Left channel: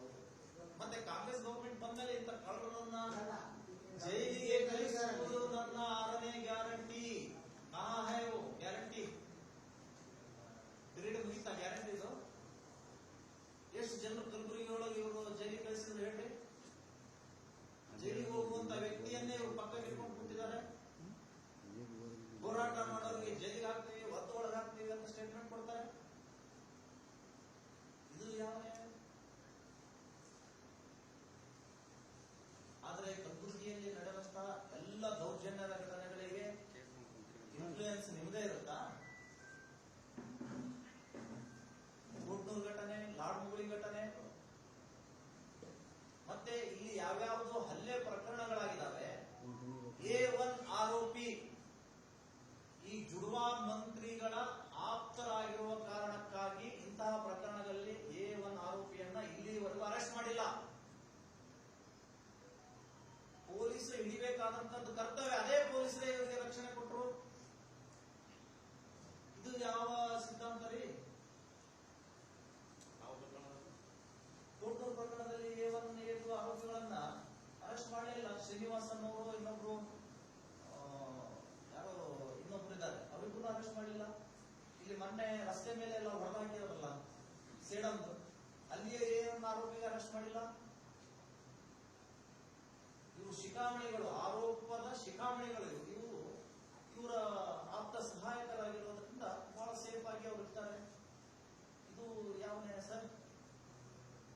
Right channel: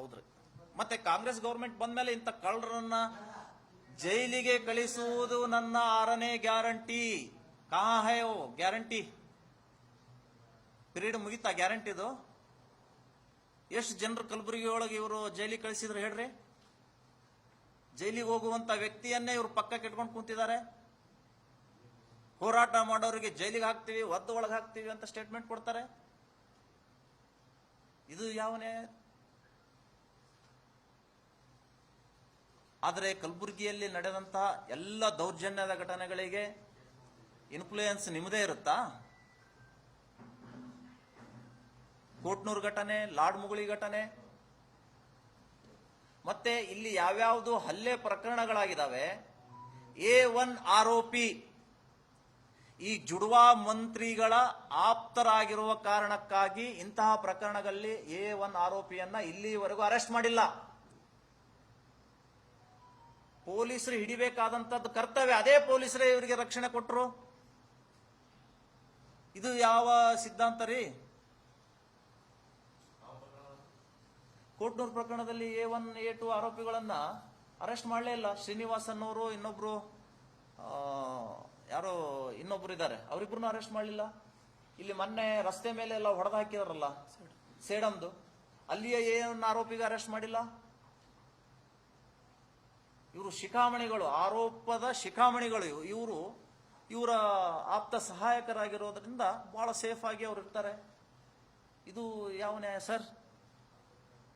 ಹೌದ್ರಿ ಮತ್ತೆ ಕಾಂಗ್ರೆಸ್ ಗೌರ್ಮೆಂಟ್ ಬಂದ್ಮೇಲೆ ಇಂಥ ಕಳ್ಳರನ್ನ ಜೈಲಿಗೆ ಕಳಿಸುವುದು ನನ್ನ ಆರನೇ ಗ್ಯಾರಂಟಿ. ಕಾ ಹೋ ಗ್ಯಾರಂಟಿ. ಪಿರಿಯಡ್ ಮುಗಿತಾ ಗ್ಯಾರಂಟಿದು ಎಷ್ಟು ಜನರು ಕಲಬುರಗಿ ಒಳಗೆ ಇವರು ಜೈಲಿಗೆ ಕಳಿಸಿದ್ರು ಹೇಳ್ರಿ? ಜೈಲಿಗೆ ಹೋಗುವಂತ ವ್ಯಕ್ತಿಯನ್ನೇ ಇವರು ಪಕ್ಕಕ್ಕೆ ಇಟ್ಕೊಂಡು ಕೂತಿದ್ದಾರೆ. ಹೋರಾಟ ಮಾಡೋರಿಗೆ ಜೈಲಿಗೆ ಹಾಕ್ತೀವಿ ಒದ್ದು ಒಳಗೆ ಹಾಕ್ತೀವಿ ಅಂತ ಸ್ಟೇಟ್ಮೆಂಟ್ ಕೊಡ್ತಾರೆ. ಇದು ಯಾವ ಆದರೆ ಕಲಬುರಗಿಯಲ್ಲಿ ನಡೆದಂತಹ ಎಲ್ಲ ದೌರ್ಜನ್ಯದ ಘಟನೆಗಳಿಗೆ ಇನ್ಫ್ಲೂಯೆನ್ಸ್ ನಿಮ್ಮದೇ ಇರುತ್ತಾ? ಕೋಟ್ನೂರು ಘಟನೆ, ಲಾಡ್ಮುಗುಳಿ ಘಟನೆ, ಮತ್ತೆ ಇಲ್ಲಿ ಯಾವ್ಯಾವುದು ಹಲ್ಲೆ ಪ್ರಕರಣಗಳಾಗಿದ್ದಾವೆ ಎ ಒನ್ ಆರೋಪಿ ಈ ಜುಡ್ವಾ ಮಂತ್ರಿಗಳ ಆಪ್ತರಾಗಿರುವ ಕಾರಣಕ್ಕಾಗಿ ಇಂತಹ ಪ್ರಕರಣಗಳಲ್ಲಿ ಎ ಒನ್ ಆರೋಪಿಯನ್ನ ಇಲ್ಲಿವರೆಗೂ ಅರೆಸ್ಟ್ ಮಾಡಿಲ್ಲ. ಪೊಲೀಸರು ಹಿಡಿಬೇಕಾದಂತದ್ದು ಕರ್ತವ್ಯ. ಅದೇ ಪೊಲೀಸರೇ ಇವರಿಗೆ ರಕ್ಷಣೆ ಕೊಟ್ಟರು ಇದು ಯಾವ ಸಿದ್ಧಾಂತ ರೀ? ಕೋಟ್ನೂರು ಪ್ರಕರಣದಲ್ಲಿ ಎ ಒನ್ ಎ ಟು ಆರೋಪಿಗಳನ್ನ ಅರೆಸ್ಟ್ ಮಾಡಲೇ ಇಲ್ಲ. ಶ್ರೀನಿವಾಸ್ ಅನ್ನೋರು ಇನ್ನೊಬ್ರು ಯಾರೋ ಇನ್ನೊಬ್ರು ಇದ್ದಾರೆ. ಅವರಿಬ್ರು ಅರೆಸ್ಟ್ ಮಾಡಲಿಲ್ಲ. ಇಲ್ಲಿ ಮೊನ್ನೆ ರಸ್ತೆ ಮೇಲೆ ಎಲ್ಲ ಹೊಡೆದಾಕಿದಾರಲ್ಲ, ಸೇಡಂದು. ಅಲ್ಲಿಯ ಒನ್ ಆರೋಪಿಗೆ ಅರೆಸ್ಟ್ ಮಾಡಿಲ್ಲ. ಇವರು ಶಿಖಾಮಣಿಗಳು, ಆರೋಪದ ಶಿಖಾಮಣಿಗಳು ಇವರು. ಇವರ ಆಪ್ತ ಸಹಾಯಕರಾಗಿರೋದ್ರಿಂದ ಬಹಳ ಸೇಫಾಗಿ ಅವ್ರು ಇರ್ತಾರೆ. ಇದು ಯಾವ ನ್ಯಾಯ ಸರ್?